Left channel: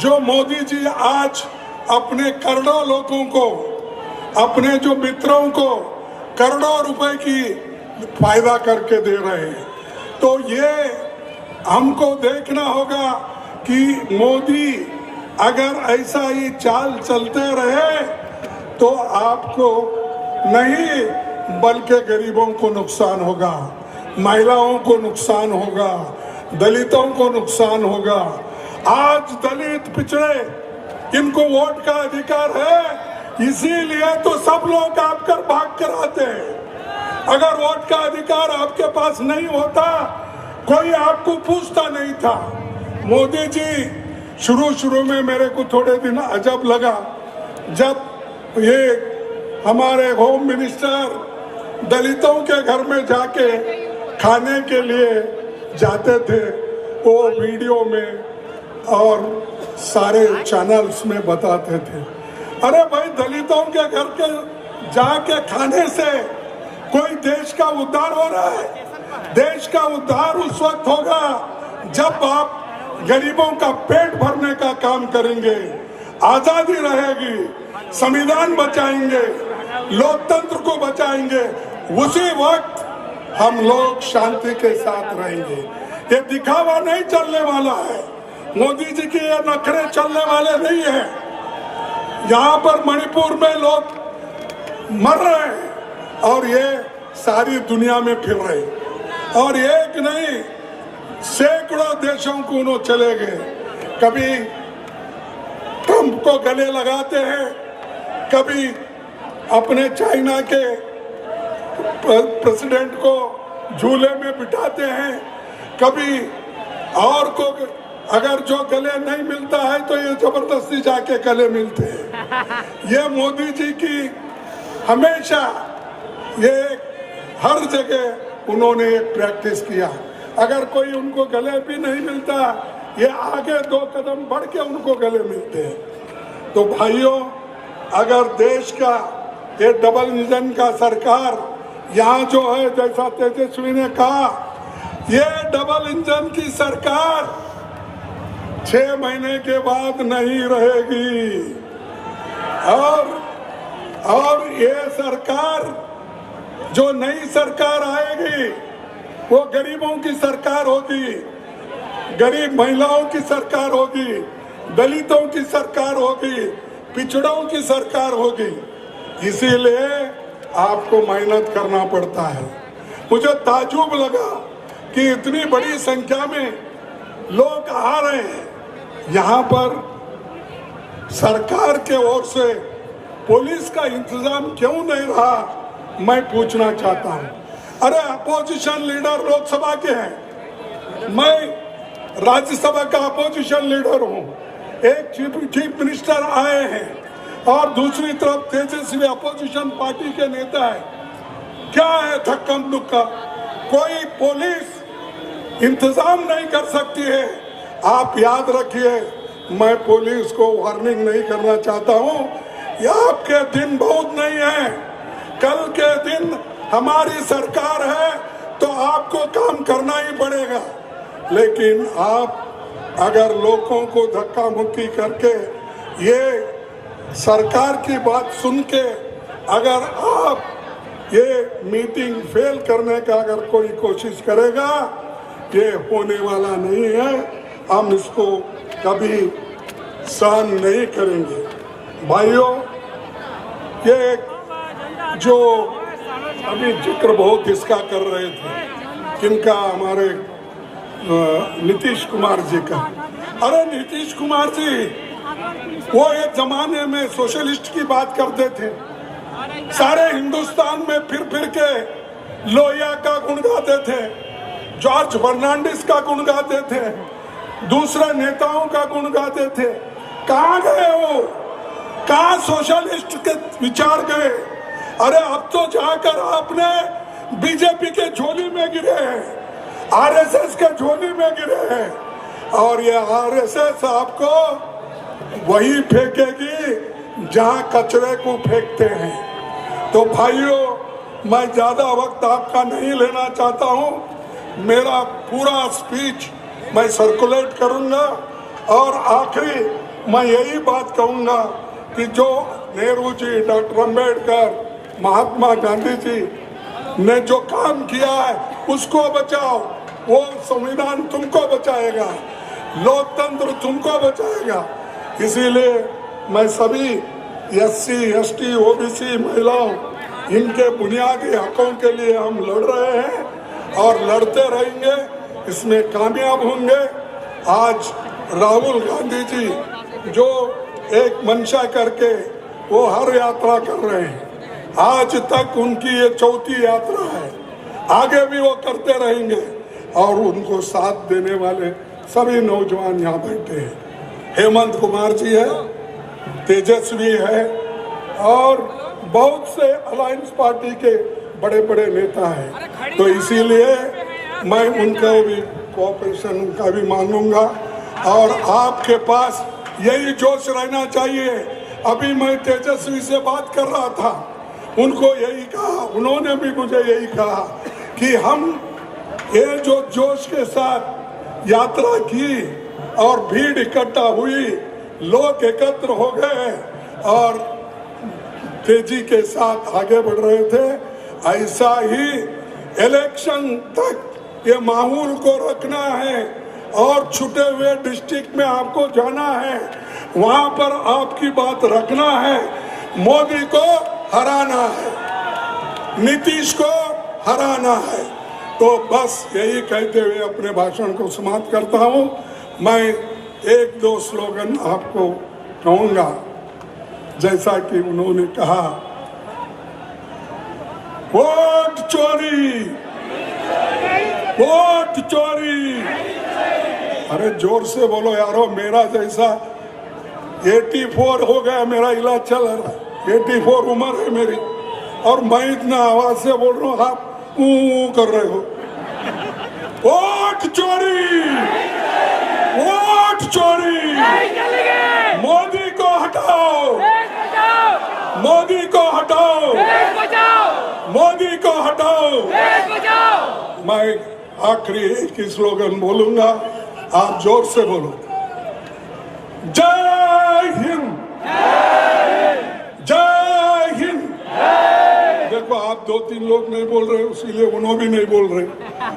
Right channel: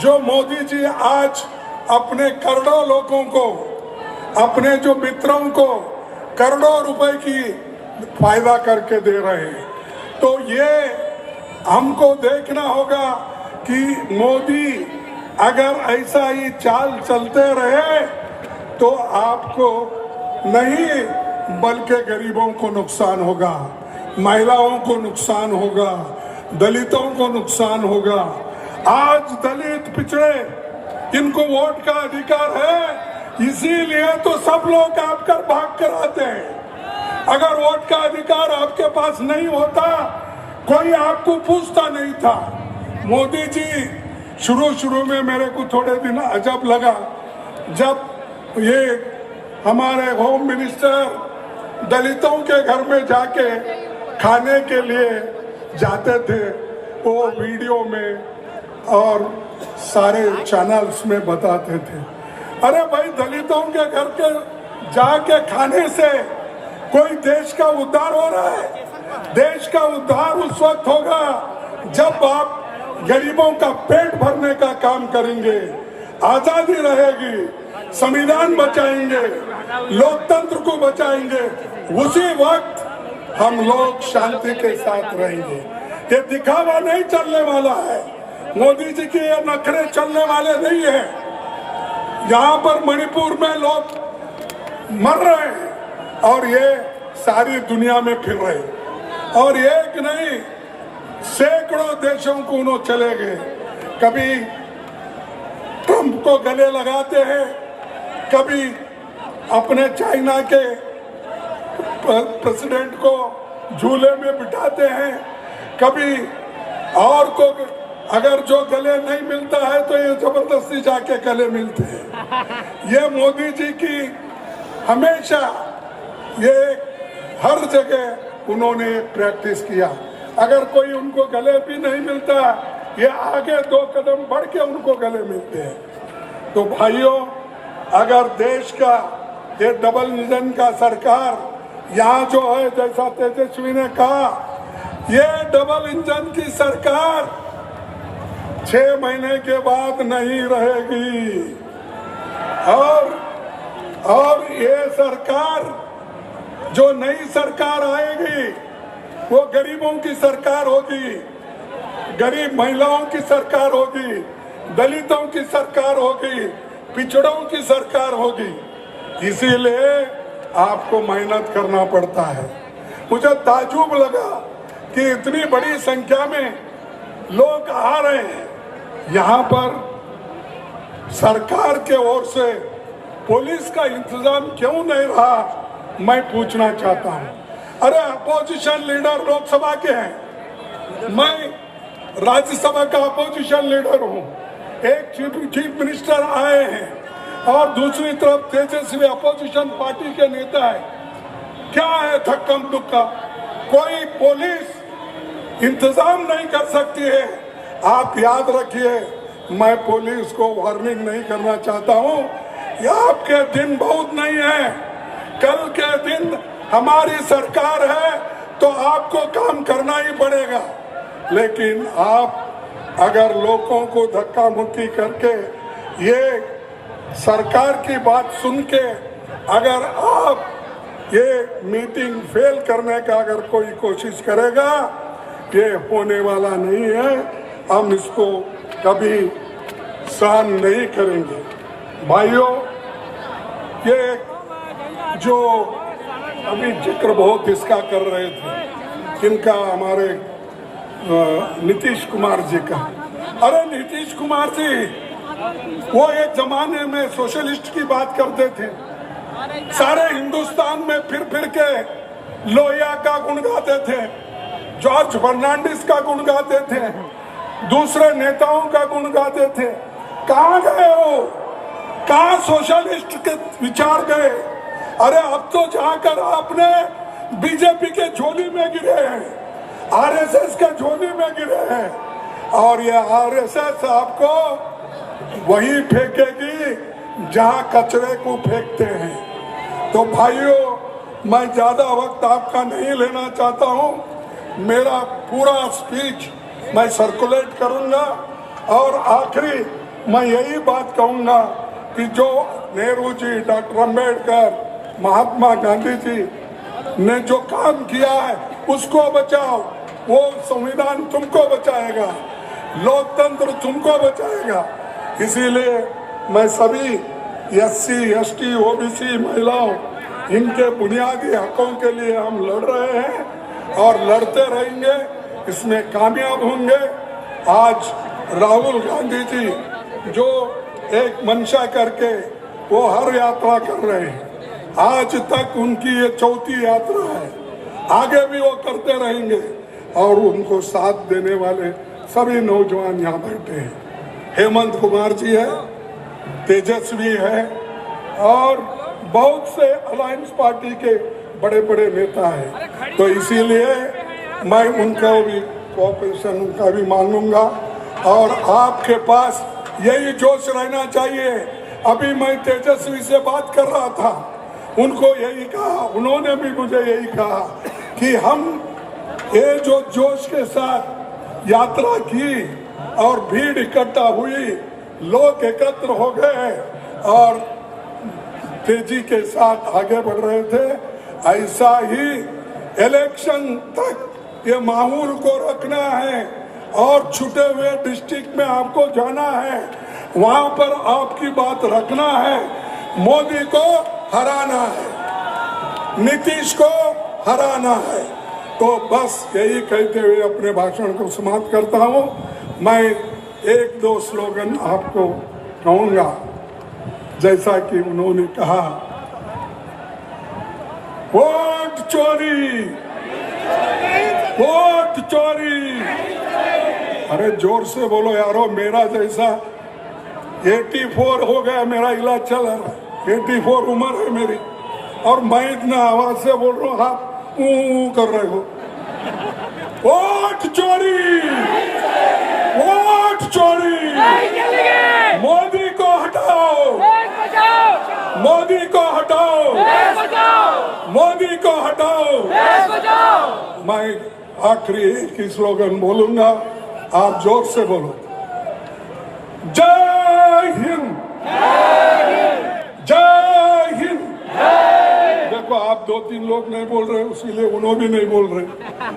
जो मोदी जी आज अपने करोड़ों लोगों को, अपने जो मित्रों को करोड़ों रुपए की फायदा करके दे रहे हैं, तो ये हमको देखना होगा कि मोदी अगर ऐसा ही चाल चलते रहे तो आपको नहीं बल्कि गरीबों को नुकसान होगा, महिलाओं को नुकसान होगा, दलितों को नुकसान होगा। आज दलित पिछड़े इनको वोट का अधिकार है, इसीलिए तो सब लोग आपकर भाग कर आते हैं। अगर वोट का अधिकार आपके पास नहीं होता, कोई आपको पूछता नहीं था। मोदी जी शुरू में मेरे को थोड़े दिन अजब लगा, जब ये हमारे होम मिनिस्टर दलितों के घर में जाके खाने के लिए जाते थे, वो वीडियो में और सारे चैनल्स में बताते थे। अरे भाई, दलितों के घर के जाके खाने से कोई देश का उद्धार हो रहा है? देश का उद्धार उस वक्त होगा जब आप गरीबों का पेट भरने का काम करेंगे, आजादी रहेगी, संविधान बचाएंगे, लोकतंत्र को बचाएंगे, उसी वक्त हम लोग शांति के साथ रहेंगे। ये दिखावा नहीं चलने वाला है, मोदी जी के ये नखरे चलने वाले नहीं है। यहाँ पर मणिपुर में लोग मर रहे हैं और ये सारी दुनिया में फिर रहे हैं, और एक नहीं सैकड़ों देशों को उन्होंने चले गए। कभी ट्रंप को गले लगाते हैं, कभी अपने चाइना के प्रेसिडेंट को झूले में बिठाते हैं, कभी और को अगर जो गले नहीं मिलता है तो ये जबरदस्ती जाके गले मिलते हैं। ये मोदी जी की हमेशा ये हर जगह उन्होंने प्रैक्टिस किया। अगर कोई उनको गले भी नहीं मिलता, ये आगे 2 कदम बढ़ के उनको गले मिलते हैं। तो भाइयों, अगर देश का ये डबल इंजन का सरकार यहाँ जो है, जैसा तेजस्वी ने कहा, ये डबल इंजन की सरकार 6 महीने के बाद नहीं रहेगी, और ये सरकार, जो नई सरकार आएगी, वो गरीबों की सरकार होगी, गरीब महिलाओं की सरकार होगी, दलितों की सरकार होगी, पिछड़ों की सरकार होगी। इसीलिए आपको मेहनत करना पड़ता है। मुझे ताज्जुब लगा कि इतनी बड़ी संख्या में लोग आ रहे हैं। यहाँ पर सरकार के ओर से पुलिस का इंतजाम क्यों नहीं रहा, मैं पूछना चाहता हूँ। अरे, अपोजिशन लीडर लोकसभा के हैं, मैं राज्यसभा का अपोजिशन लीडर हूँ। एक चीफ मिनिस्टर आए हैं और दूसरी तरफ तेजस्वी अपोजिशन पार्टी के नेता है। क्या है थक्कम दुक्का? कोई पुलिस इंतजाम नहीं कर सकती है। आप याद रखिए, मैं पुलिस को वार्निंग नहीं करना चाहता हूँ, ये आपके दिन बहुत नहीं है। कल के दिन हमारी सरकार है तो आपको काम करना ही पड़ेगा। लेकिन आप अगर लोगों को धक्का मुक्की करके ये सरकार की बात सुन के अगर आप ये मीटिंग फेल करने का अगर कोई कोशिश करेगा, ये होने वाला नहीं है। हम इसको कभी सहन नहीं करेंगे। भाइयों, ये जो अभी जिक्र बहुत इसका कर रहे थे, किनका, हमारे नीतीश कुमार जी का। अरे नीतीश कुमार जी, वो एक जमाने में सोशलिस्ट की बात करते थे, सारे हिंदुस्तान में फिर के लोहिया का गुण गाते थे, जॉर्ज फर्नांडिस का गुण गाते थे, दूसरे नेताओं का गुण गाते थे। कहाँ गए वो? कहाँ सोशलिस्ट के विचार गए? अरे, अब तो जाकर आपने बीजेपी के झोली में गिरे हैं, आरएसएस के झोली में गिरे हैं, और ये आरएसएस आपको वही फेंकेगी जहां कचरे को फेंकते हैं। तो भाइयों, मैं ज्यादा वक्त आपका नहीं लेना चाहता हूं। मेरा पूरा स्पीच मैं सर्कुलेट करूंगा और आखिरी मैं यही बात कहूंगा कि जो नेहरू जी, डॉक्टर अंबेडकर, महात्मा गांधी जी ने जो काम किया है उसको बचाओ। वो संविधान तुमको बचाएगा, लोकतंत्र तुमको बचाएगा। इसीलिए मैं सभी SC, ST, OBC महिलाओं, इनके बुनियादी हकों के लिए हम लड़ रहे हैं और लड़ते रहेंगे, इसमें कामयाब होंगे। आज राहुल गांधी जी जो एक मंशा करके वो हर यात्रा कर रहे हैं, आज तक उनकी ये चौथी यात्रा है, आगे भी वो करते रहेंगे। और उनको साथ देने वाले सभी नौजवान यहाँ बैठे हैं। हेमंत कुमार जी है, तेजस्वी है और बहुत से अलायंस पार्टी के बड़े बड़े नेता हैं। तो इसीलिए मैं उनका भी कोऑपरेशन उनका भी मांगूंगा और आपके पास यही जोश रहना चाहिए। अभी मैं तेजस्वी से बात कर रहा था, उनको यही कहा, उन्होंने भी मुझे यही कहा कि हम ये जो जोश के साथ यात्रा की और भीड़ इकट्ठा हुई, लोग एकत्र हो गए और तेजी के साथ आगे बढ़ रहे थे, ऐसा ही इलेक्शन तक ये माहौल को रखना है और छूटे हुए डिस्ट्रिक्ट में आपको जाना है, वहां पर आपकी बात रखना है। मोदी को हराना है, नीतीश को हराना है। तो बस यही कहते हुए अपने भाषण को समाप्त करता हूं। मैं एक दो स्लोगन आपको कहूंगा, जैसा कि उन्होंने कहा, वोट चोरी, वोट चोरी। अरे जोर से बोलो यारो, मेरा जैसा 84 हो गया, मेरा इलाज चल रहा है, 84 उम्र है मेरी और मैं इतना आवाज से बोल रहा हूँ, आप कर रहे हो। वोट चोरी, वोट चोरी, मोदी को हटाओ, मोदी को हटाओ, मोदी को हटाओ। मैं आखिरी एक ही स्लोगन बोलूंगा, आप जोर से बोलो, जय हिंद, जय हिंद। देखो आप 2-3 लोग नहीं बोल रहे, इसीलिए उन्होंने भी नहीं बोल रहे।